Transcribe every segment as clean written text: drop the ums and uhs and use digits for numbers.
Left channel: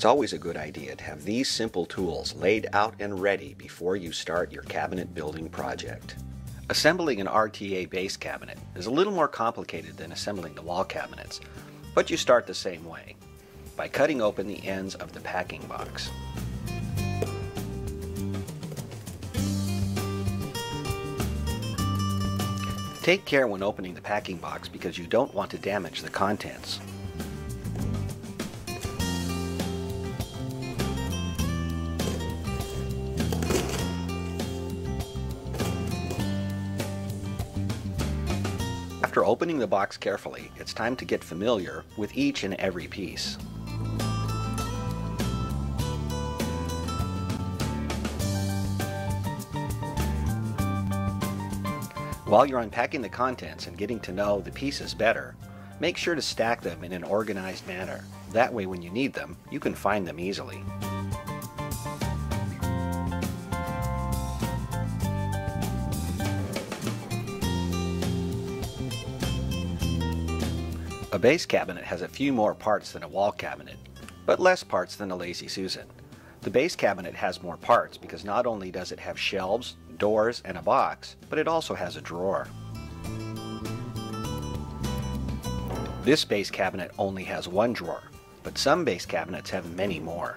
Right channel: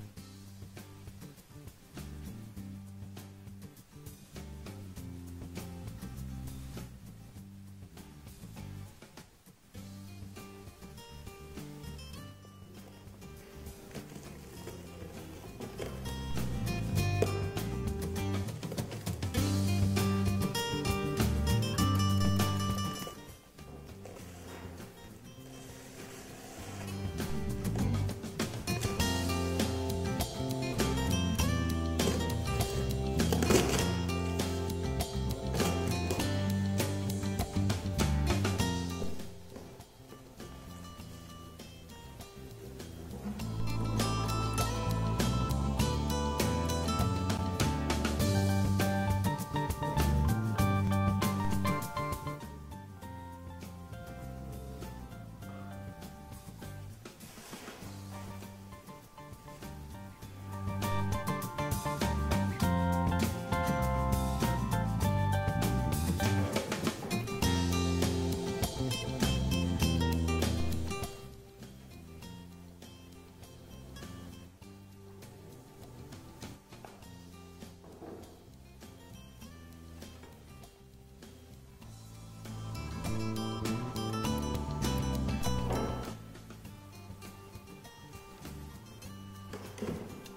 It's always a good idea to have these simple tools laid out and ready before you start your cabinet building project. Assembling an RTA base cabinet is a little more complicated than assembling the wall cabinets, but you start the same way, by cutting open the ends of the packing box. Take care when opening the packing box because you don't want to damage the contents. After opening the box carefully, it's time to get familiar with each and every piece. While you're unpacking the contents and getting to know the pieces better, make sure to stack them in an organized manner. That way when you need them, you can find them easily. A base cabinet has a few more parts than a wall cabinet, but less parts than a Lazy Susan. The base cabinet has more parts because not only does it have shelves, doors, and a box, but it also has a drawer. This base cabinet only has one drawer, but some base cabinets have many more.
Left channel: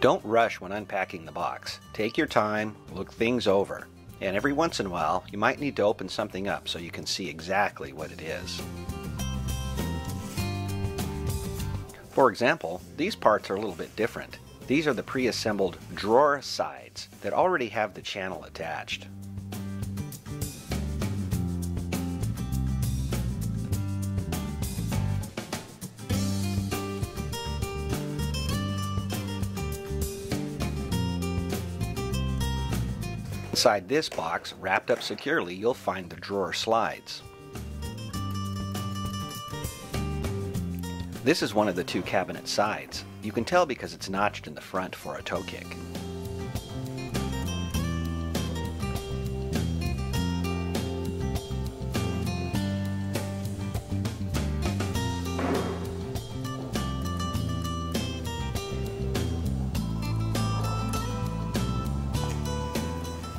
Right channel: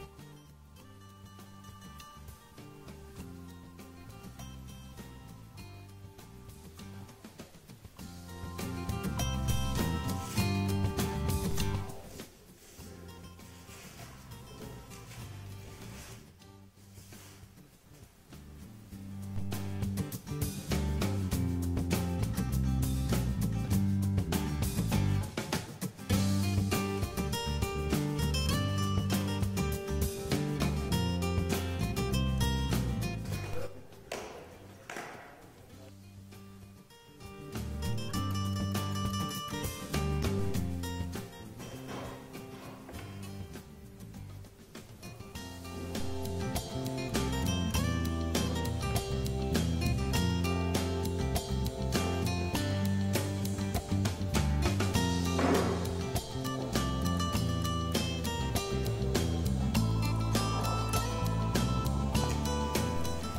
Don't rush when unpacking the box. Take your time, look things over, and every once in a while you might need to open something up so you can see exactly what it is. For example, these parts are a little bit different. These are the pre-assembled drawer sides that already have the channel attached. Inside this box, wrapped up securely, you'll find the drawer slides. This is one of the two cabinet sides. You can tell because it's notched in the front for a toe kick.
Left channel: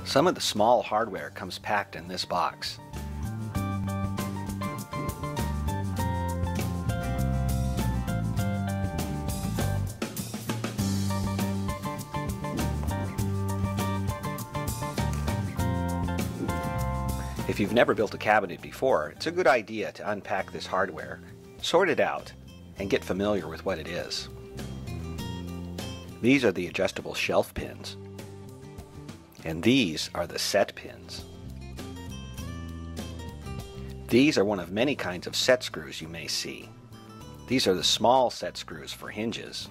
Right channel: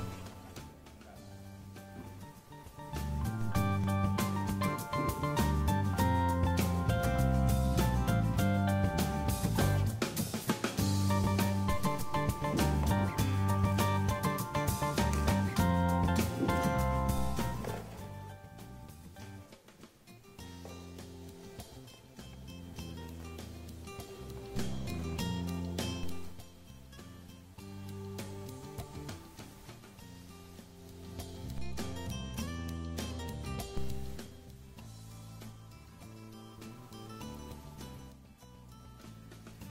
Some of the small hardware comes packed in this box. If you've never built a cabinet before, it's a good idea to unpack this hardware, sort it out, and get familiar with what it is. These are the adjustable shelf pins, and these are the set pins. These are one of many kinds of set screws you may see. These are the small set screws for hinges.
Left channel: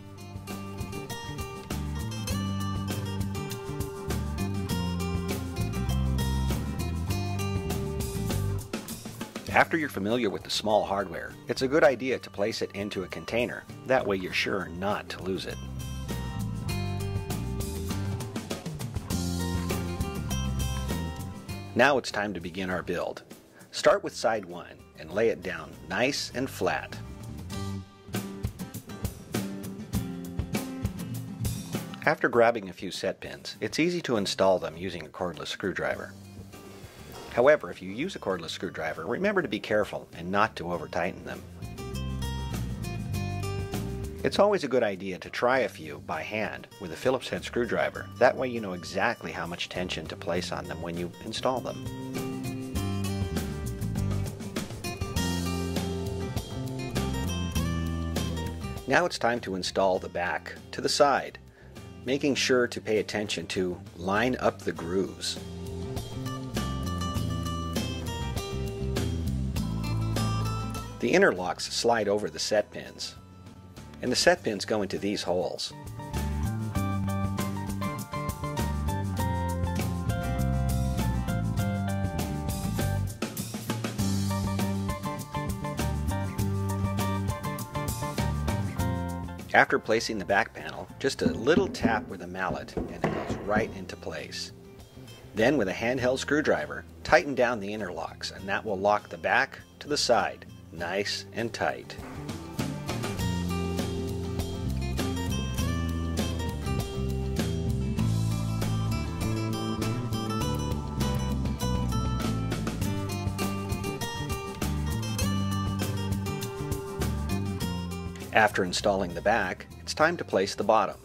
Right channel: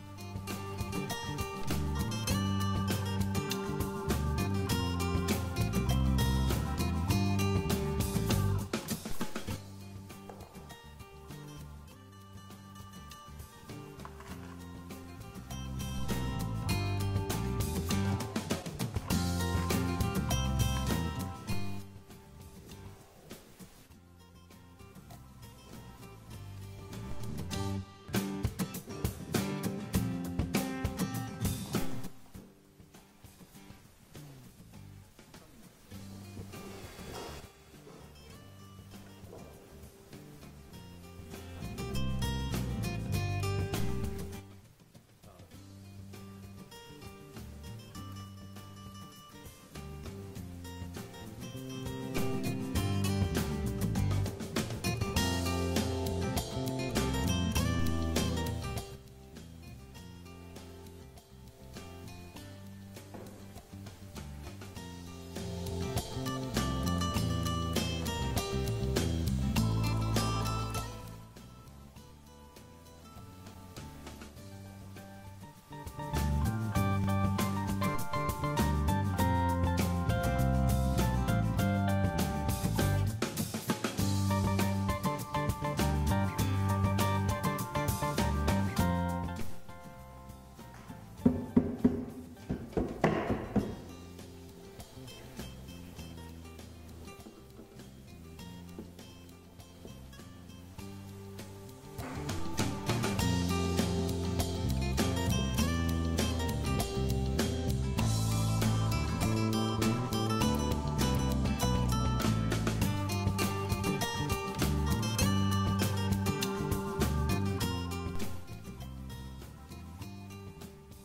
After you're familiar with the small hardware, it's a good idea to place it into a container. That way you're sure not to lose it. Now it's time to begin our build. Start with side 1 and lay it down nice and flat. After grabbing a few set pins, it's easy to install them using a cordless screwdriver. However, if you use a cordless screwdriver, remember to be careful and not to over-tighten them. It's always a good idea to try a few by hand with a Phillips head screwdriver. That way you know exactly how much tension to place on them when you install them. Now it's time to install the back to the side, making sure to pay attention to line up the grooves. The interlocks slide over the set pins, and the set pins go into these holes. After placing the back panel, just a little tap with a mallet and it goes right into place. Then with a handheld screwdriver, tighten down the interlocks, and that will lock the back to the side nice and tight. After installing the back, it's time to place the bottom.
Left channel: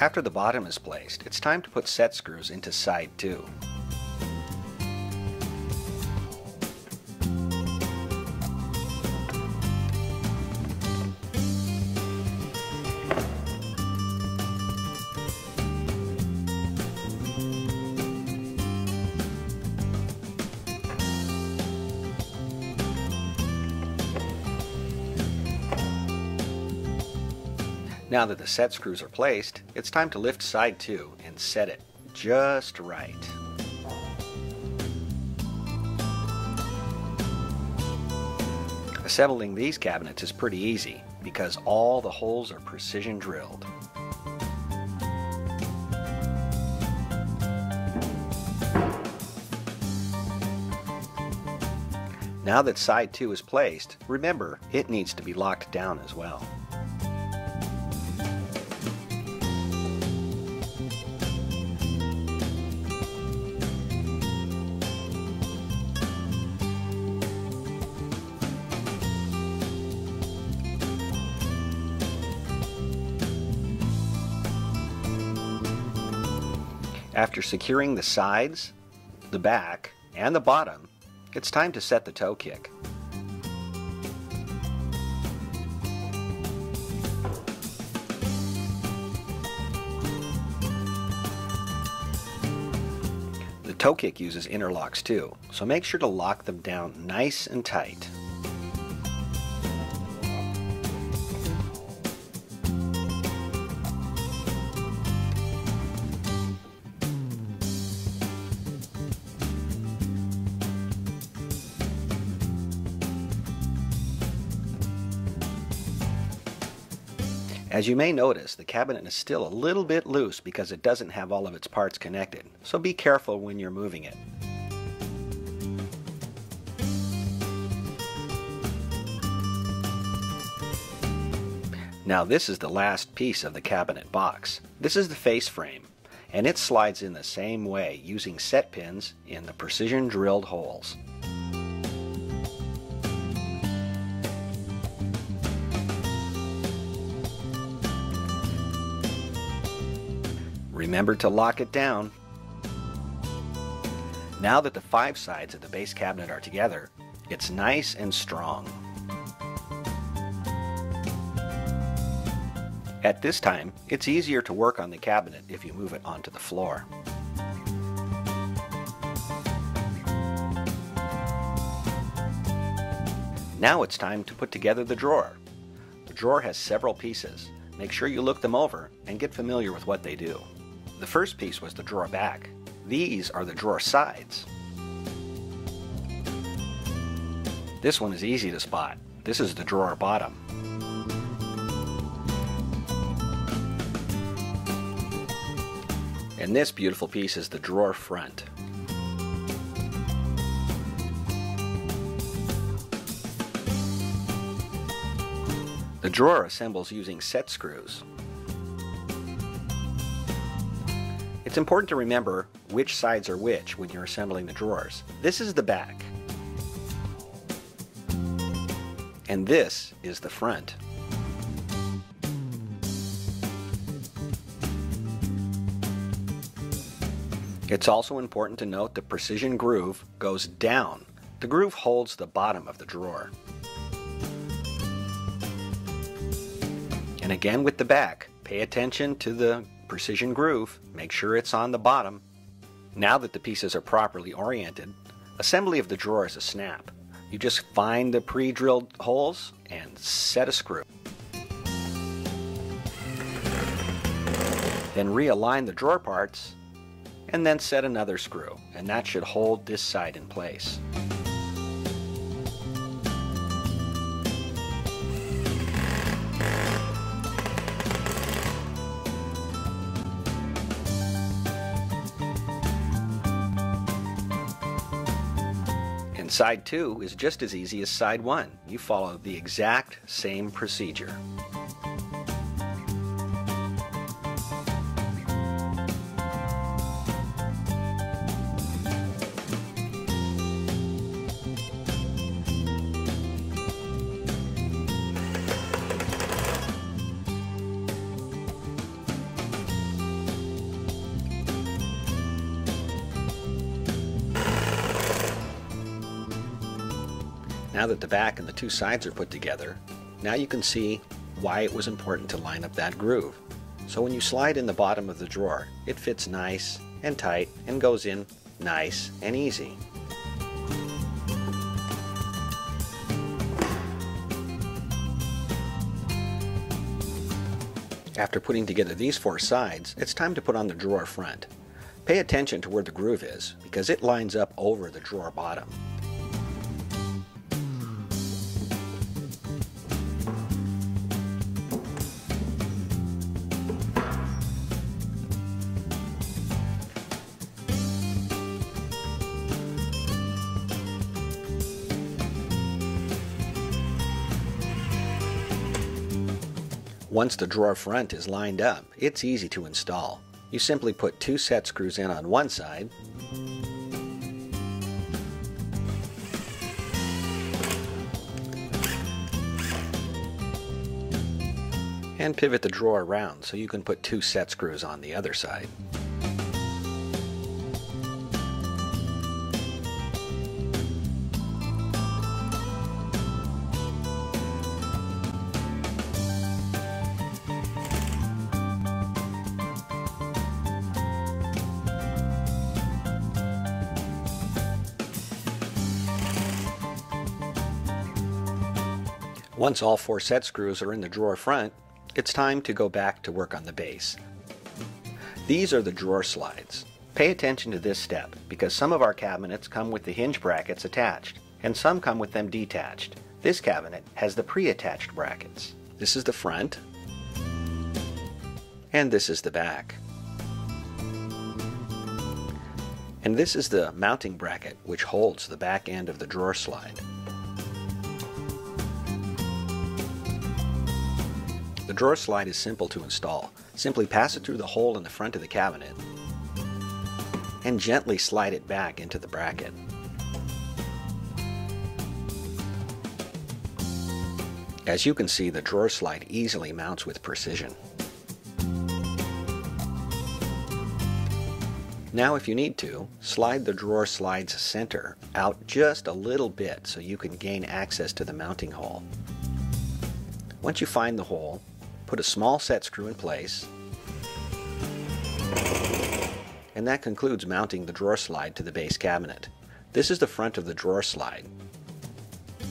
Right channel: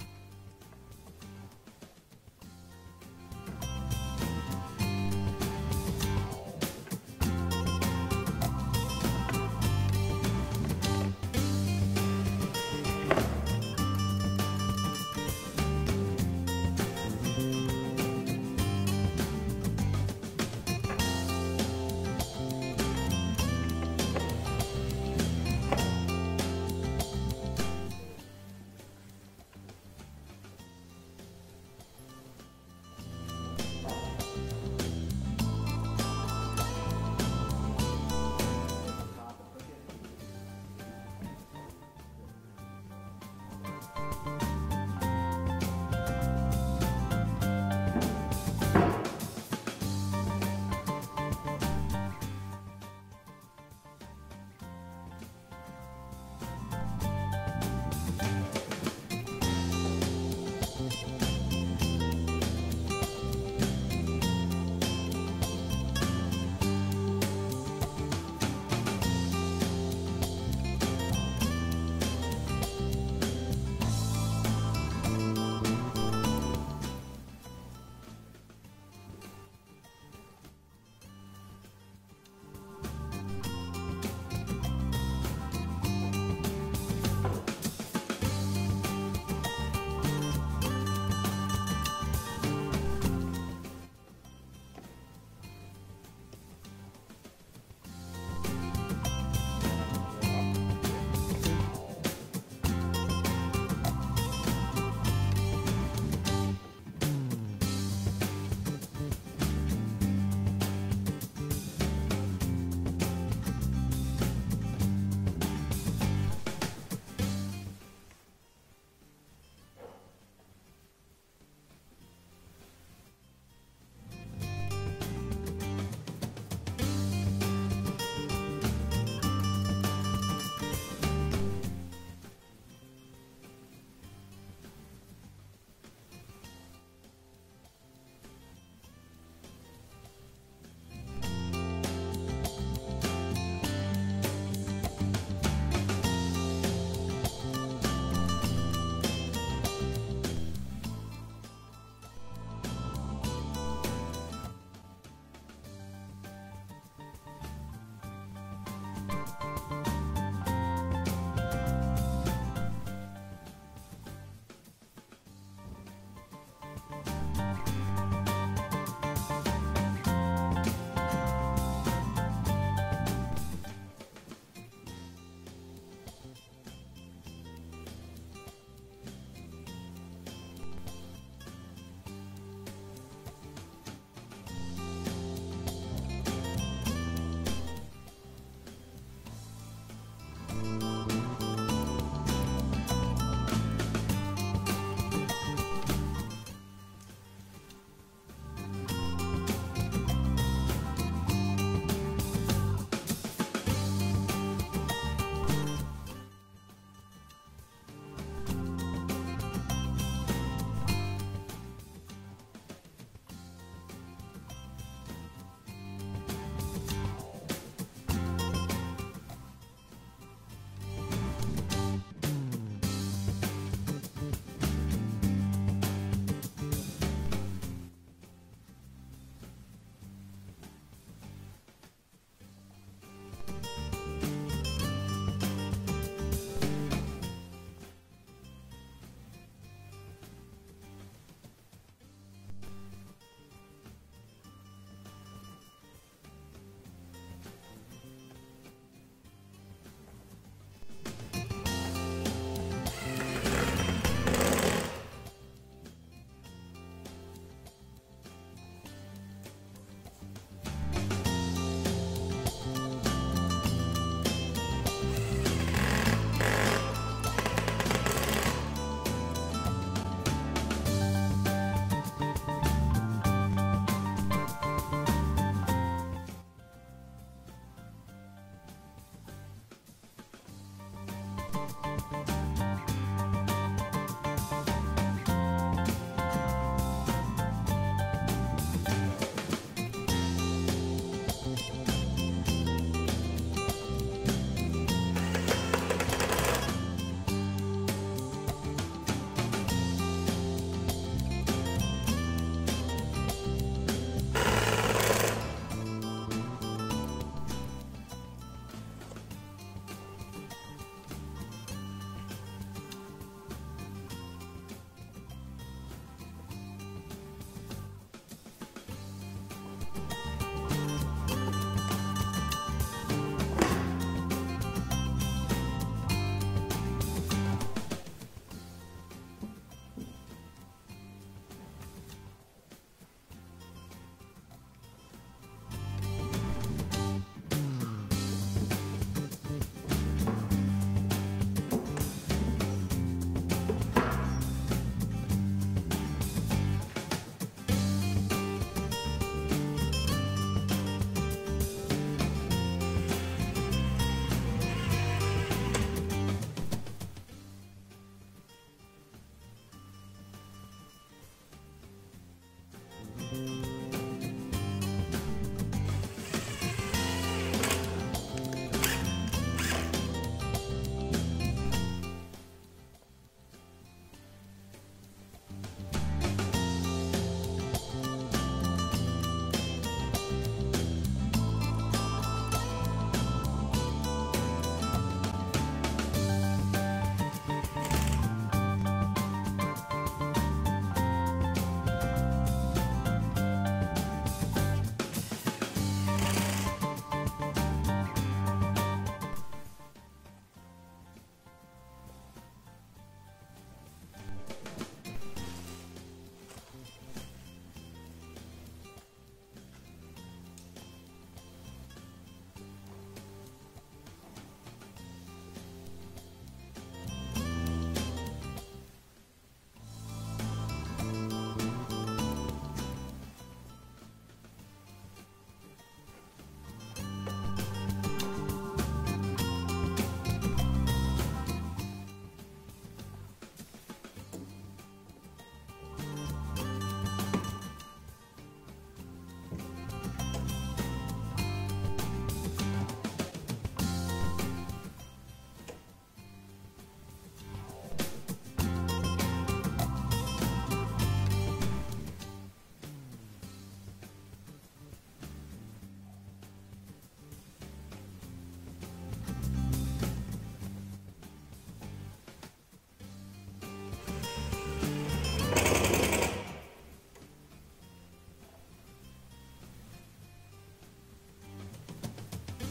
After the bottom is placed, it's time to put set screws into side 2. Now that the set screws are placed, it's time to lift side 2 and set it just right. Assembling these cabinets is pretty easy because all the holes are precision drilled. Now that side 2 is placed, remember it needs to be locked down as well. After securing the sides, the back, and the bottom, it's time to set the toe kick. The toe kick uses interlocks too, so make sure to lock them down nice and tight. As you may notice, the cabinet is still a little bit loose because it doesn't have all of its parts connected, so be careful when you're moving it. Now this is the last piece of the cabinet box. This is the face frame, and it slides in the same way using set pins in the precision drilled holes. Remember to lock it down. Now that the 5 sides of the base cabinet are together, it's nice and strong. At this time, it's easier to work on the cabinet if you move it onto the floor. Now it's time to put together the drawer. The drawer has several pieces. Make sure you look them over and get familiar with what they do. The first piece was the drawer back. These are the drawer sides. This one is easy to spot. This is the drawer bottom. And this beautiful piece is the drawer front. The drawer assembles using set screws. It's important to remember which sides are which when you're assembling the drawers. This is the back, and this is the front. It's also important to note the precision groove goes down. The groove holds the bottom of the drawer. And again with the back, pay attention to the precision groove. Make sure it's on the bottom. Now that the pieces are properly oriented, assembly of the drawer is a snap. You just find the pre-drilled holes and set a screw. Then realign the drawer parts and then set another screw, and that should hold this side in place. side 2 is just as easy as side 1. You follow the exact same procedure. Now that the back and the two sides are put together, now you can see why it was important to line up that groove. So when you slide in the bottom of the drawer, it fits nice and tight and goes in nice and easy. After putting together these 4 sides, it's time to put on the drawer front. Pay attention to where the groove is, because it lines up over the drawer bottom. Once the drawer front is lined up, it's easy to install. You simply put 2 set screws in on one side and pivot the drawer around so you can put 2 set screws on the other side. Once all 4 set screws are in the drawer front, it's time to go back to work on the base. These are the drawer slides. Pay attention to this step because some of our cabinets come with the hinge brackets attached and some come with them detached. This cabinet has the pre-attached brackets. This is the front and this is the back. And this is the mounting bracket which holds the back end of the drawer slide. The drawer slide is simple to install. Simply pass it through the hole in the front of the cabinet and gently slide it back into the bracket. As you can see, the drawer slide easily mounts with precision. Now if you need to, slide the drawer slide's center out just a little bit so you can gain access to the mounting hole. Once you find the hole, put a small set screw in place, and that concludes mounting the drawer slide to the base cabinet. This is the front of the drawer slide.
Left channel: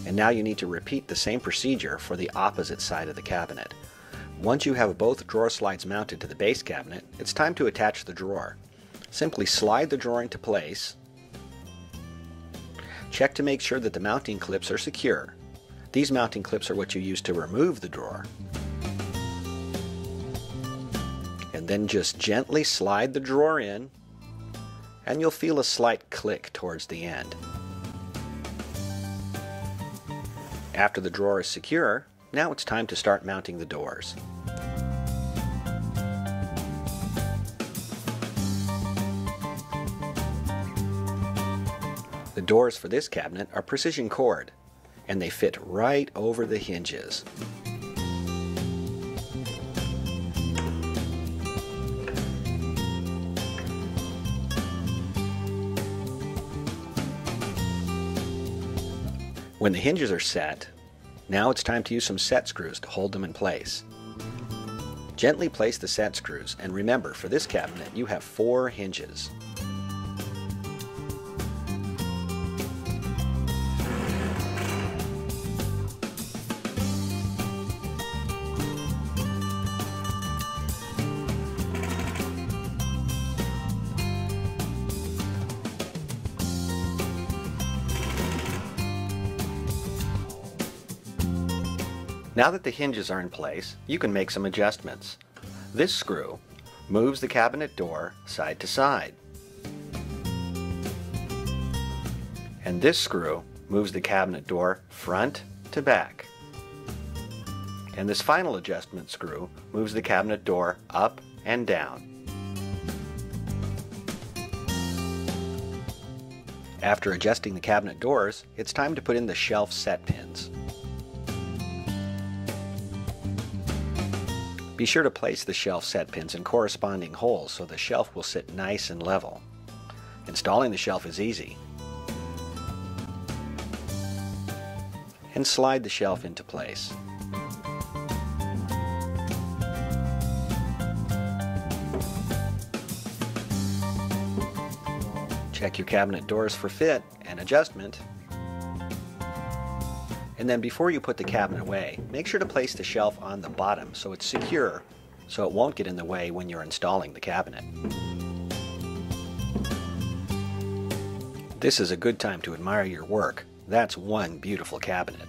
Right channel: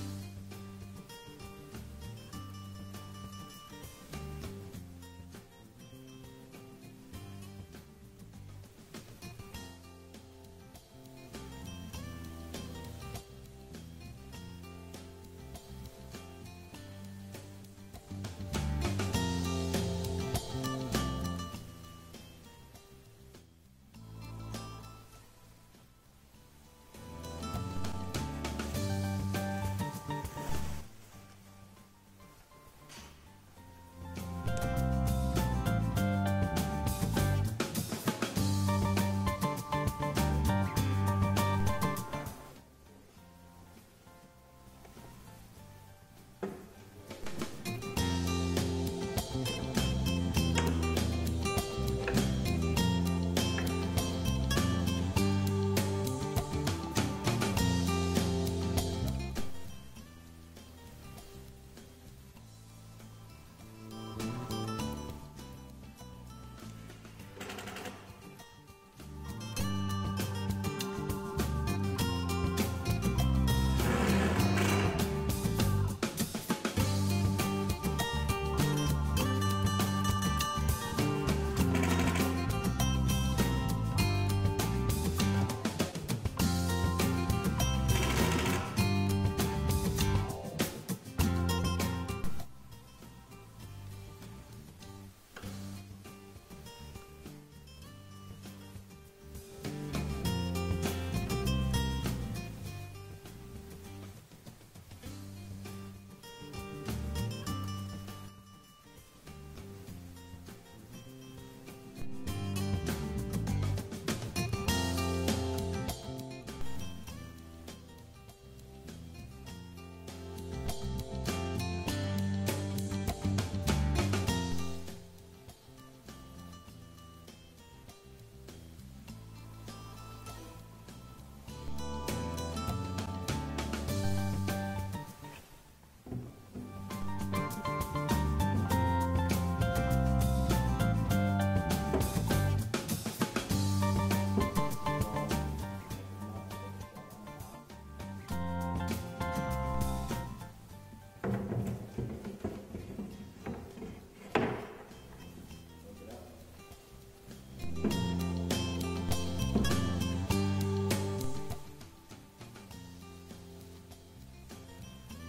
And now you need to repeat the same procedure for the opposite side of the cabinet. Once you have both drawer slides mounted to the base cabinet, it's time to attach the drawer. Simply slide the drawer into place. Check to make sure that the mounting clips are secure. These mounting clips are what you use to remove the drawer. And then just gently slide the drawer in, and you'll feel a slight click towards the end. After the drawer is secure, now it's time to start mounting the doors. The doors for this cabinet are precision cord, and they fit right over the hinges. When the hinges are set, now it's time to use some set screws to hold them in place. Gently place the set screws, and remember, for this cabinet you have 4 hinges. Now that the hinges are in place, you can make some adjustments. This screw moves the cabinet door side to side. And this screw moves the cabinet door front to back. And this final adjustment screw moves the cabinet door up and down. After adjusting the cabinet doors, it's time to put in the shelf set pins. Be sure to place the shelf set pins in corresponding holes so the shelf will sit nice and level. Installing the shelf is easy. And slide the shelf into place. Check your cabinet doors for fit and adjustment. And then before you put the cabinet away, make sure to place the shelf on the bottom so it's secure, so it won't get in the way when you're installing the cabinet. This is a good time to admire your work. That's one beautiful cabinet.